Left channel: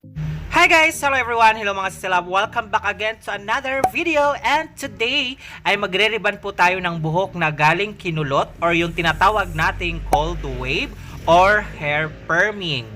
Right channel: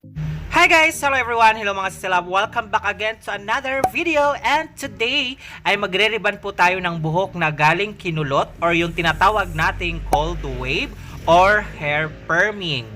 Hi guys! Hello everyone! Hello mga sisilab! Welcome back again to another video, and today ay magre-ribbon po tayo ng buhok na galing kinulot or yung tinatawag nating cold wave or hair perming.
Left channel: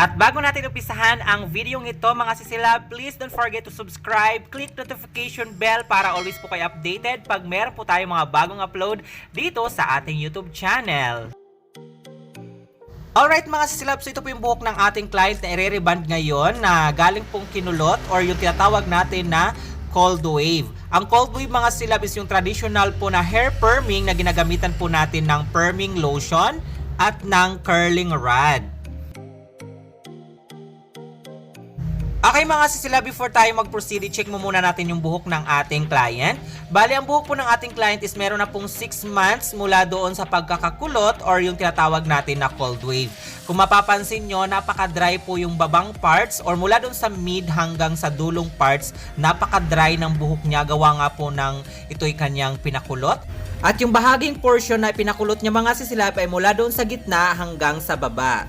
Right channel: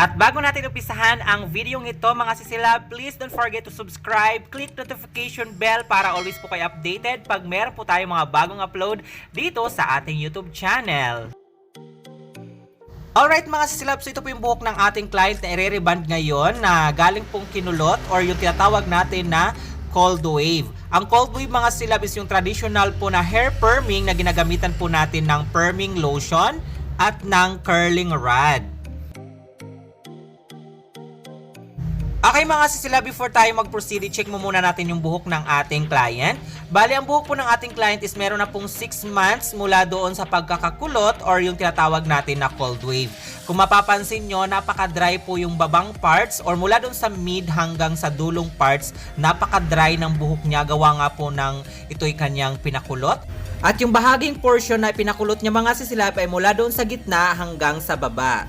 At bago natin umpisahan ang video ito mga sisilab, please don't forget to subscribe, click notification bell para always po kayo updated pag meron po tayong mga bagong upload dito sa ating YouTube channel. Alright mga sisilab, so ito po yung buhok ng ating client na i-reband ngayon na galing pong kinulot or yung tinatawag natin na cold wave. Ang cold wave mga silab is yung traditional po na hair perming na ginagamitan po natin ng perming lotion at ng curling rod. Okay mga sisila, before tayo mag-proceed, check mo muna natin yung buhok ng ating client. Bali, ang buhok po ng ating client is meron na pong 6 months mula doon sa pagkakakulot or yung tinatawag natin na cold wave. Kung mapapansin nyo, napaka-dry po yung babang parts or mula doon sa mid hanggang sa dulong parts, napaka-dry ng buhok niya. Gawa nga po ng ito'y kanyang pinakulot. At yung bahaging portion na pinakulot niya mga sisila ay mula doon sa gitna hanggang sa baba.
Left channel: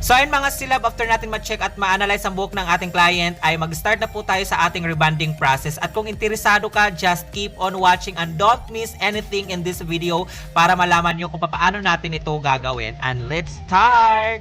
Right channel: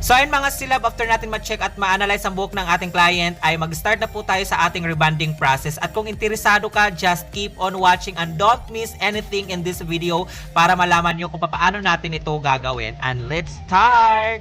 So ayun mga silab, after natin ma-check at ma-analyze ang buhok ng ating client ay mag-start na po tayo sa ating rebonding process. At kung interesado ka, just keep on watching and don't miss anything in this video para malaman nyo kung paano natin ito gagawin. And let's start!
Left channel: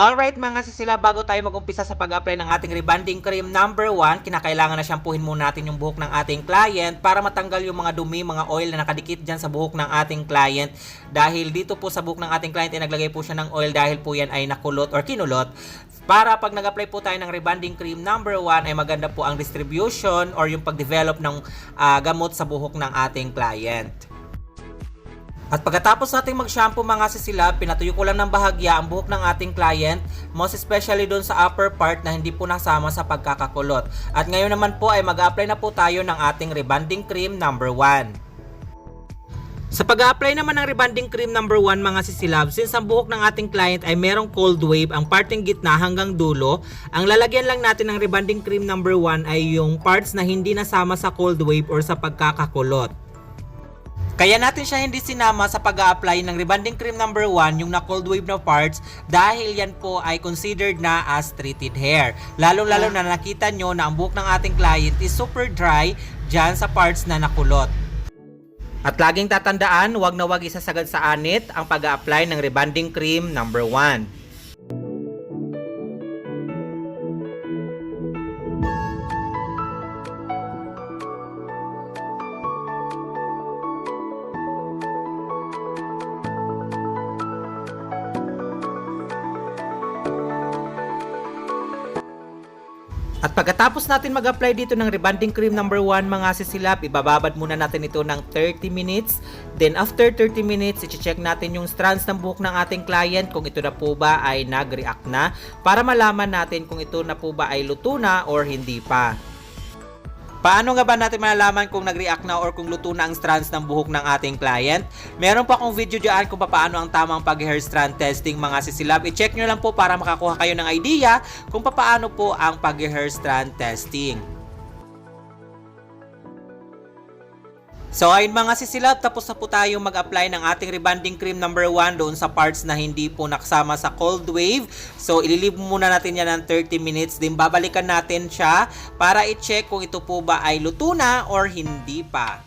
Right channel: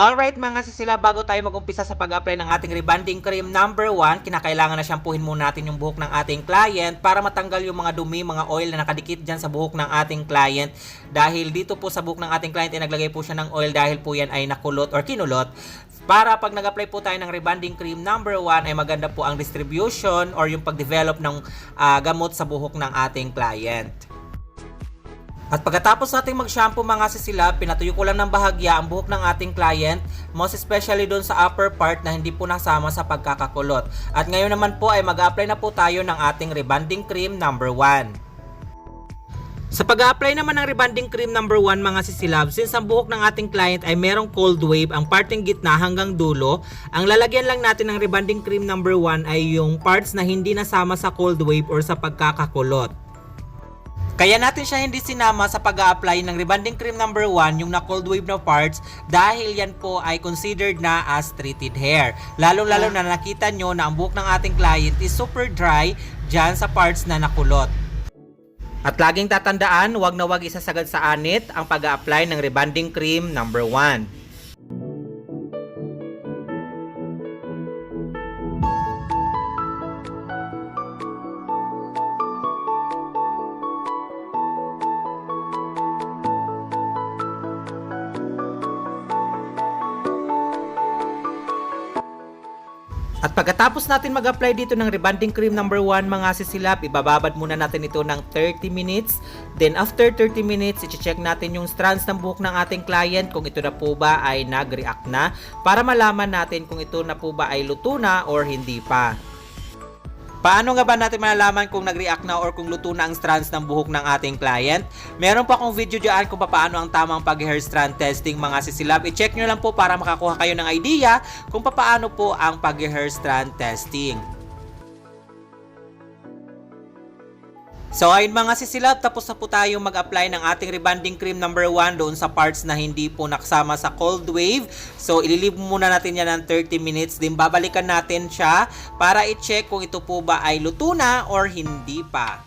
Alright mga sisila, bago tayo mag-umpisa sa pag-apply ng ating rebonding cream number 1, kinakailangan na shampoohin muna natin yung buhok ng ating client para matanggal yung mga dumi, mga oil na nakadikit dyan sa buhok ng ating client. Dahil dito po sa buhok ng ating client ay naglagay po siya ng oil dahil po yan ay nakulot or kinulot. Para pag nag-apply po tayo ng rebonding cream number 1 ay maganda po ang distribution or yung pag-develop ng gamot sa buhok ng ating client. At pagkatapos nating mag-shampoo mga sisila, pinatuyo ko lang ng bahagya ang buhok ng ating client, most especially doon sa upper part na hindi po nasama sa pagkakakulot. At ngayon naman po ay mag-apply na po tayo ng ating rebonding cream number 1. Sa pag-apply naman ng rebonding cream number 1 mga sisilab, since ang buhok ng ating client ay merong cold wave, ang parting gitna hanggang dulo, ang lalagyan lang natin ng rebonding cream number 1 ay yung parts na hindi nasama sa cold wave or sa pagkakakulot. Kaya natin siya hindi sinama sa pag-a-apply ng rebonding cream number 1, yung na cold wave na parts, dahil yan po ay considered na as treated hair. Lalo-lalo na nakita nyo na ang buhok ng ating client is super dry dyan sa parts na nakulot. At laging tatandaan, wag na wag isasagad sa anit ang pag-a-apply ng rebonding cream number 1. At pagkatapos natin mag-apply dito ng rebonding cream number 1 mga sisilap, ibababad muna natin ito ng 30 minutes. Then after 30 minutes, i-check natin yung strands ng buhok ng ating client kung ito na po ba ay nag-react na para malaman natin kung ito na po ba ay luto na or hindi pa. Paano nga ba natin malalaman kung nag-react na or kung luto na ang strands ng buhok ng ating client? Meron pa akong video dyan kung paano ang tamang pag-hair strand testing mga sisilab. I-check nyo lang po para makakuha kayo ng idea kung paano po ang pag-hair strand testing. So ayun mga sisilab, tapos na po tayo mag-apply ng ating rebonding cream number 1 doon sa parts na hindi po nakasama sa cold wave. So ililib muna natin yan ng 30 minutes, din babalikan natin siya para i-check kung ito po ba ay luto na or hindi pa.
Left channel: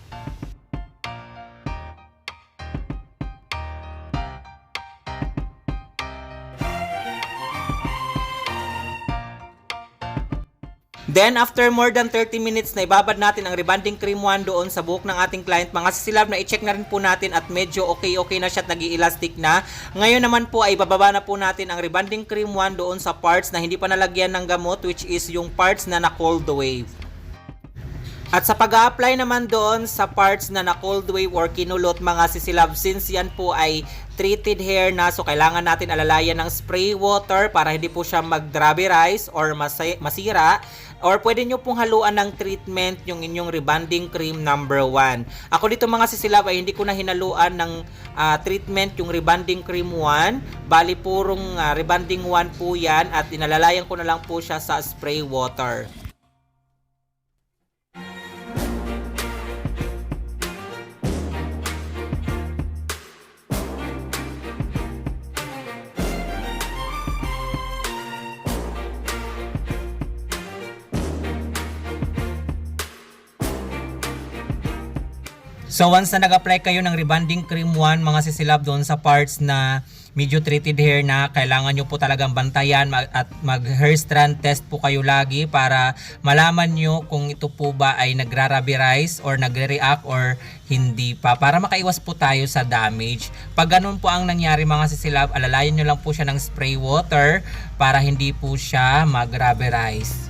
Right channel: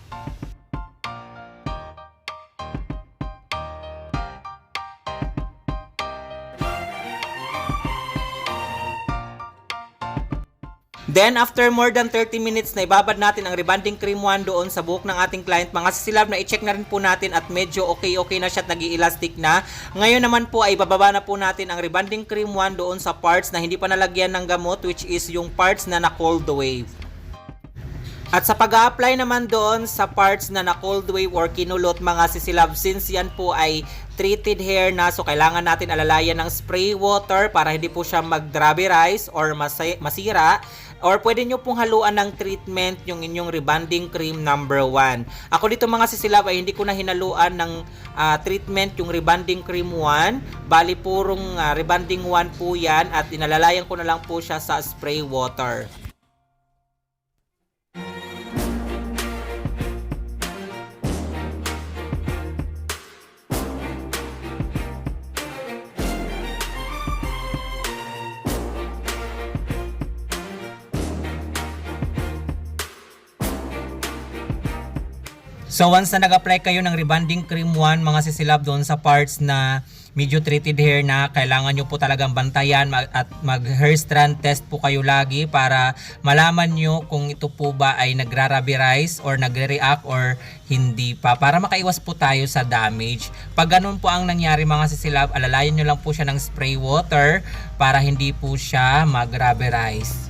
Then, after more than 30 minutes na ibabad natin ang rebonding cream 1 doon sa buhok ng ating client, mga sisilab, na i-check na rin po natin at medyo okay na siya at nag-i-elastic na. Ngayon naman po ay bababa na po natin ang rebonding cream 1 doon sa parts na hindi pa nalagyan ng gamot, which is yung parts na na-cold wave. At sa pag-a-apply naman doon sa parts na na cold wave or kinulot mga sisilab, since yan po ay treated hair na, so kailangan natin alalayan ng spray water para hindi po siya mag-rubberize or masira. Or pwede nyo pong haluan ng treatment yung inyong rebonding cream number 1. Ako dito mga sisilab ay hindi ko na hinaluan ng treatment yung rebonding cream 1. Bali purong rebonding 1 po yan at inalalayan ko na lang po siya sa spray water. So once na nag-apply kayo ng rebonding cream 1 mga sisilab doon sa parts na medyo treated hair na, kailangan nyo po talagang bantayan at mag-hair strand test po kayo lagi para malaman nyo kung ito po ba ay nagra-rubberize or nagre-react or hindi pa, para makaiwas po tayo sa damage. Pag ganun po ang nangyari mga sisilab, alalayan nyo lang po siya ng spray water para hindi po siya mag-rubberize.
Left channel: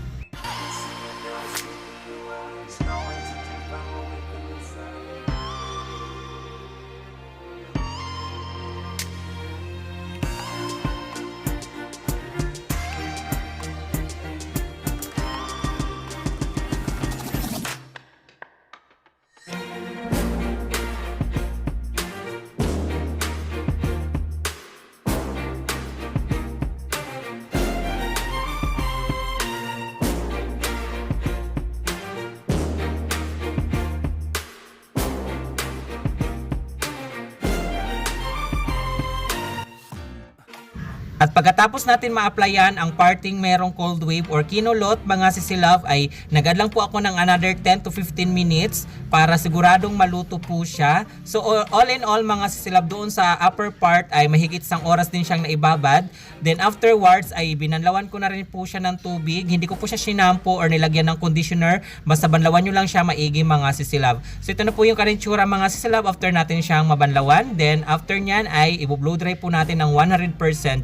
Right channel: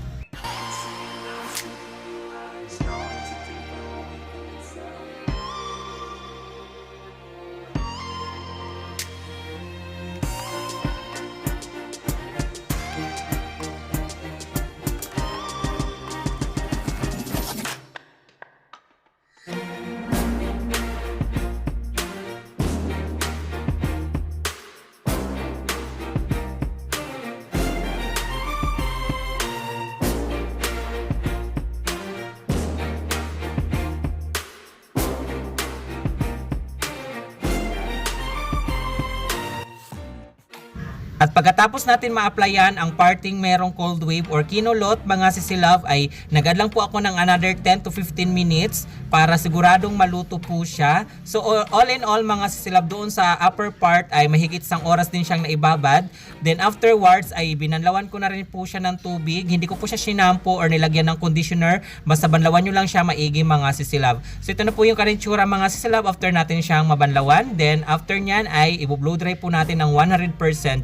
At pagkatapos natin ma-applyan ang parting merong cold wave or kinulot mga sisilab, ay nagad lang po ako ng another 10 to 15 minutes para siguradong maluto po siya. So all in all mga sisilab, doon sa upper part ay mahigit isang oras din siyang naibabad. Then afterwards ay binanlawan ko na rin po siya ng tubig. Hindi ko po siya sinampo or nilagyan ng conditioner. Basta banlawan nyo lang siya maigi mga sisilab. So ito na po yung karintsura mga sisilab after natin siyang mabanlawan. Then after nyan ay i-blow dry po natin ng 100%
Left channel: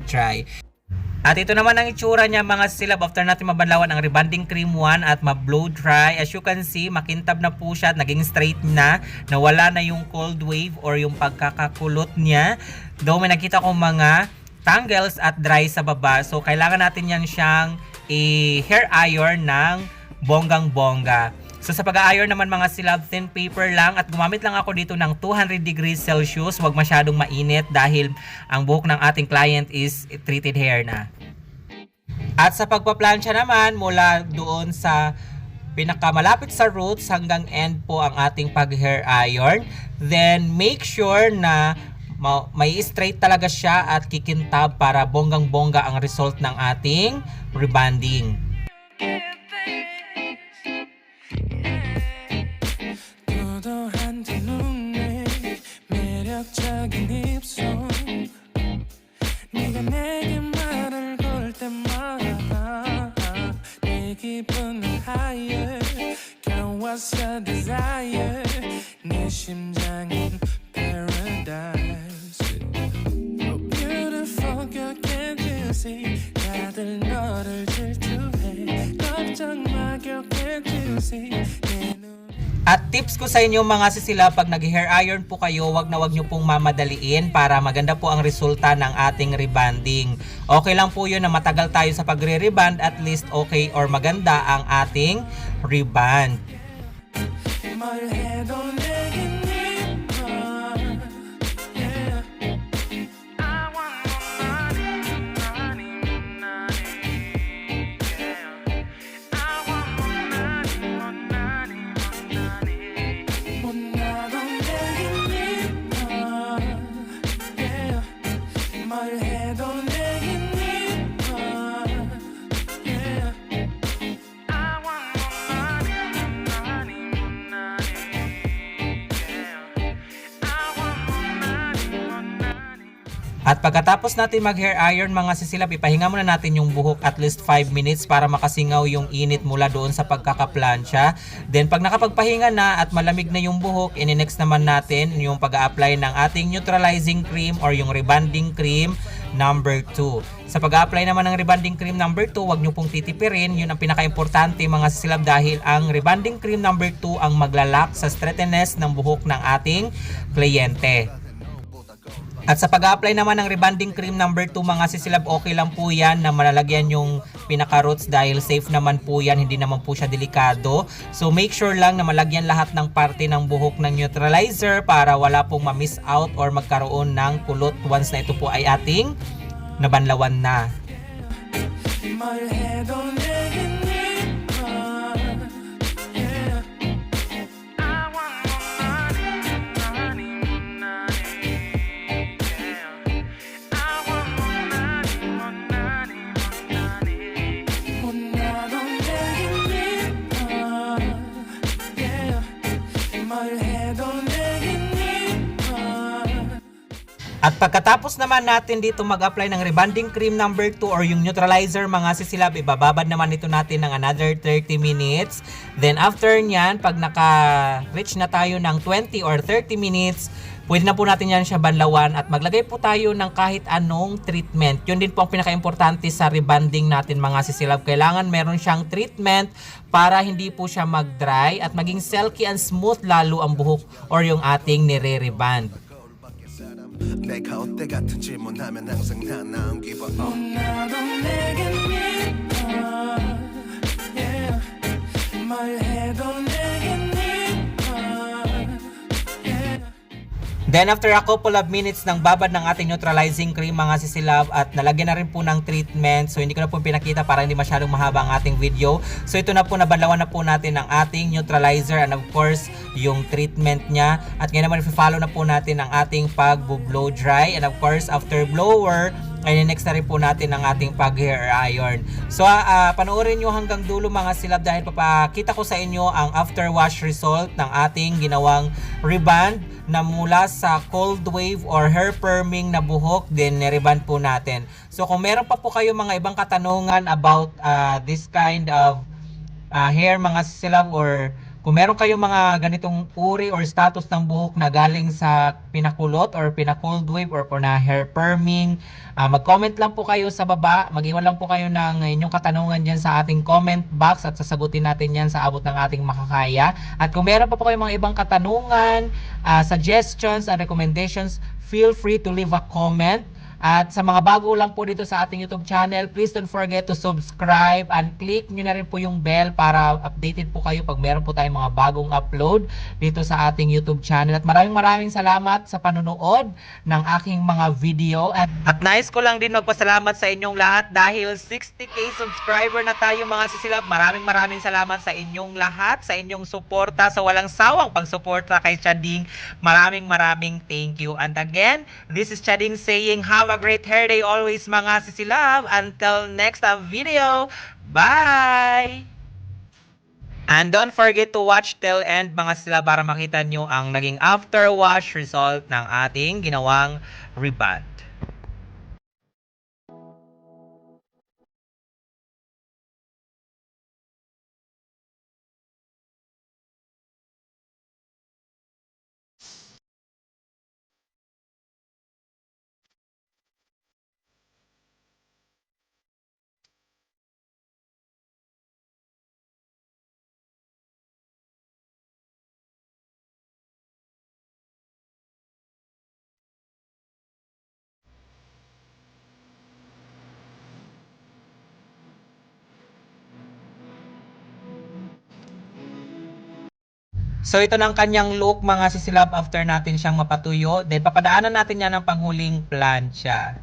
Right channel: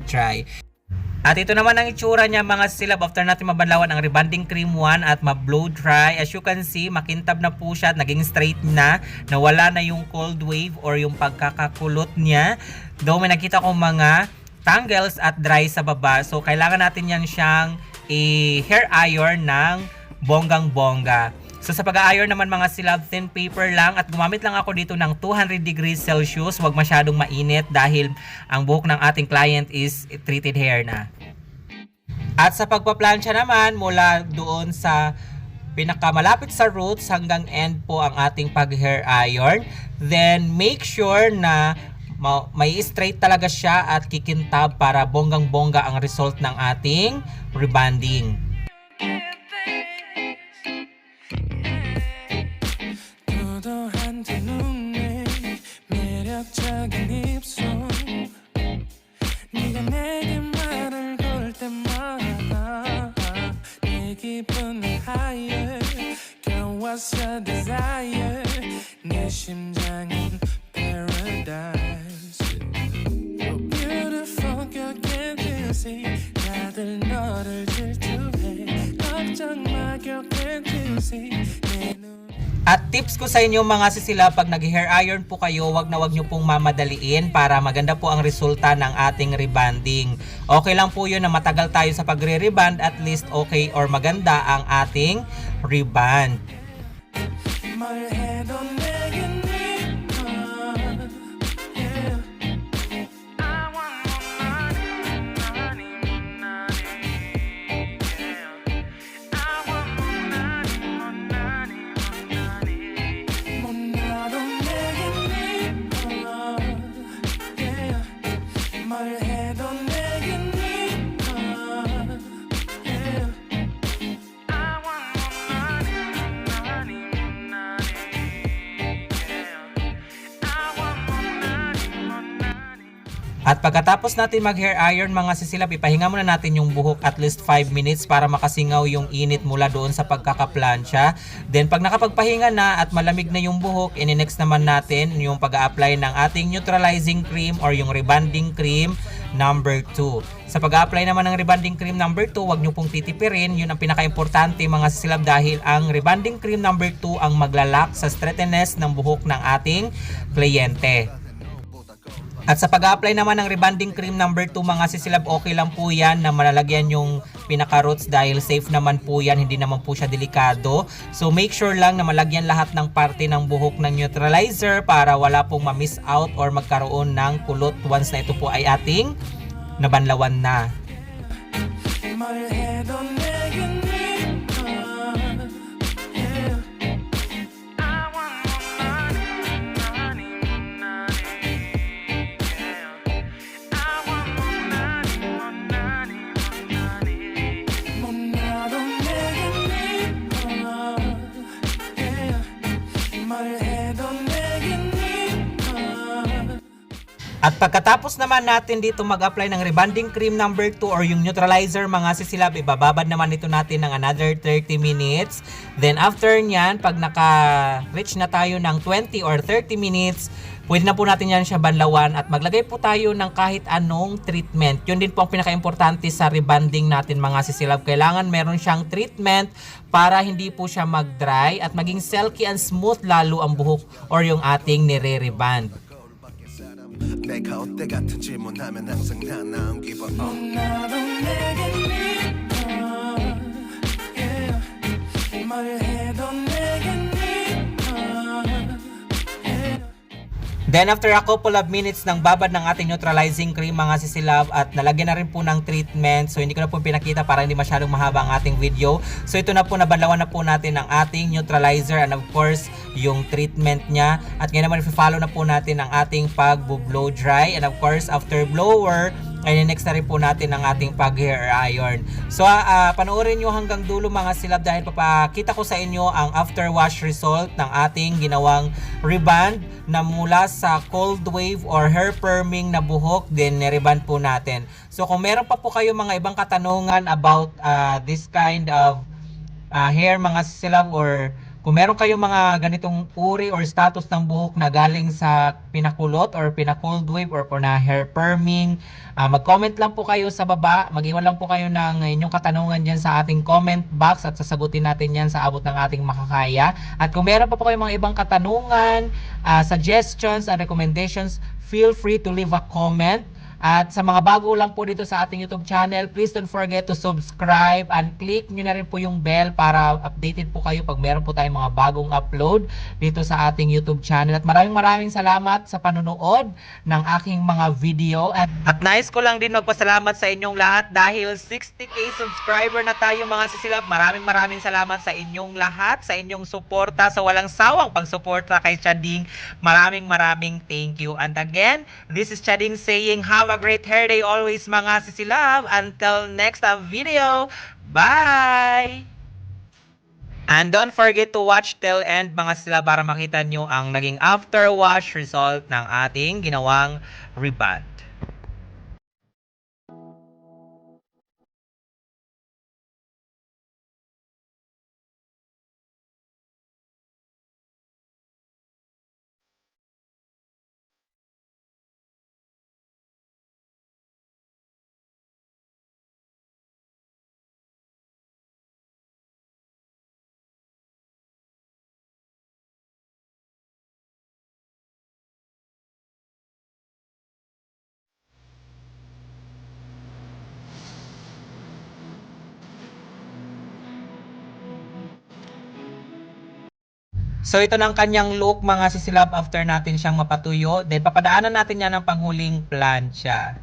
dry. At ito naman ang itsura niya mga sisilab after natin mabanlawan ang rebonding cream 1 at ma-blow dry. As you can see, makintab na po siya at naging straight na. Nawala na yung cold wave or yung pagkakakulot niya. Though may nakita kong mga tangles at dry sa baba. So kailangan natin yan siyang i-hair iron ng bonggang-bongga. So sa pag-a-iron naman mga silab, thin paper lang at gumamit lang ako dito ng 200 degrees Celsius. Huwag masyadong mainit dahil ang buhok ng ating client is treated hair na. At sa pagpaplansya naman, mula doon sa pinakamalapit sa roots hanggang end po ang ating pag-hair iron. Then make sure na may straight talaga siya at kikintab para bonggang-bongga ang result ng ating rebonding. 매력적인 입술 네가 내게 말을 걸 때마다 내 기분은 higher Girl what's your desire 내 심장은 paradise You're beautiful girl can't you see 다들 너를 질투해 걱정 마 girl can't you see 내 눈에 At tips ko sa inyo mga sisila, pag nag-hair iron po kayo, wag nyo pong mamadaliin para maganda po ang resulta ng ating rebonding. Okay lang po yun na matagal tayo sa pagre-rebond, at least okay or maganda ang ating rebond. At pagkatapos natin mag-hair iron mga sisilab, ipahinga muna natin yung buhok at least 5 minutes para makasingaw yung init mula doon sa pagkakaplansya. Then pag nakapagpahinga na at malamig na yung buhok, ini-next naman natin yung pag-a-apply ng ating neutralizing cream or yung rebonding cream. number 2. Sa pag-apply naman ng rebonding cream number 2, huwag nyo pong titipirin. Yun ang pinaka-importante mga sisilab dahil ang rebonding cream number 2 ang maglalak sa straightness ng buhok ng ating kliyente. At sa pag-apply naman ng rebonding cream number 2 mga sisilab, okay lang po yan na malalagyan yung pinaka-roots dahil safe naman po yan, hindi naman po siya delikado. So make sure lang na malagyan lahat ng parte ng buhok ng neutralizer para wala pong ma-miss out or magkaroon ng kulot once na ito po ay ating nabanlawan na. My head on 내게 네가 yeah. I want more money, more money, yeah. I want more money, more money, more 나도 내게 네가 yeah. My head on 내게 네가. At pagkatapos naman natin dito mag-apply ng rebonding cream number 2 or yung neutralizer mga sisilab, ibababad naman ito natin ng another 30 minutes. Then after nyan, pag naka-reach na tayo ng 20 or 30 minutes, pwede na po natin yan siya banlawan at maglagay po tayo ng kahit anong treatment. Yun din po ang pinaka-importante sa rebonding natin mga sisilab. Kailangan meron siyang treatment para hindi po siya mag-dry at maging silky and smooth lalo ang buhok or yung ating nire-rebond. 내가 어때 같은 질문하면 항상 난 나온 기분 나도 내게 네가 yeah. My head on 내게 네가 yeah. Then after a couple of minutes ng babad ng ating neutralizing cream mga sisilab at nalagyan na rin po ng treatment, so hindi ko na po pinakita para hindi masyadong mahaba ang ating video. So ito na po, nabanlawan na po natin ang ating neutralizer and of course yung treatment niya. At ngayon naman i-follow na po natin ang ating pag-blow dry and of course after blower ay next na rin po natin ang ating pag-hair iron. So panoorin nyo hanggang dulo mga silab dahil papakita ko sa inyo ang after wash result ng ating ginawang rebond na mula sa cold wave or hair perming na buhok, then nirebond po natin. So kung meron pa po kayo mga ibang katanungan about this kind of hair mga silab, or kung meron kayong mga ganitong uri or status ng buhok na galing sa pinakulot or pina-cold wave or na hair perming, mag-comment lang po kayo sa baba. Mag-iwan lang po kayo ng inyong katanungan dyan sa ating comment box at sasagutin natin yan sa abot ng ating makakaya. At kung meron pa po kayong mga ibang katanungan, suggestions and recommendations, feel free to leave a comment. At sa mga bago lang po dito sa ating YouTube channel, please don't forget to subscribe and click nyo na rin po yung bell para updated po kayo pag meron po tayong mga bagong upload dito sa ating YouTube channel. At maraming salamat sa panonood ng aking mga video. At nais ko lang din magpasalamat sa inyong lahat dahil 60k subscriber na tayo mga sisilab. Maraming salamat sa inyong lahat, sa inyong suporta, sa walang sawang pagsuporta kay Chading. Maraming thank you. And again, this is Chading saying, have a great hair day always mga sisilab. Until next video, bye! And don't forget to watch till end mga sila para makita nyo ang naging after wash result ng ating ginawang rebond. So ito na ang kanyang look mga sisilab after natin siyang mapatuyo. Then papadaanan natin yan ng panghuling plancha.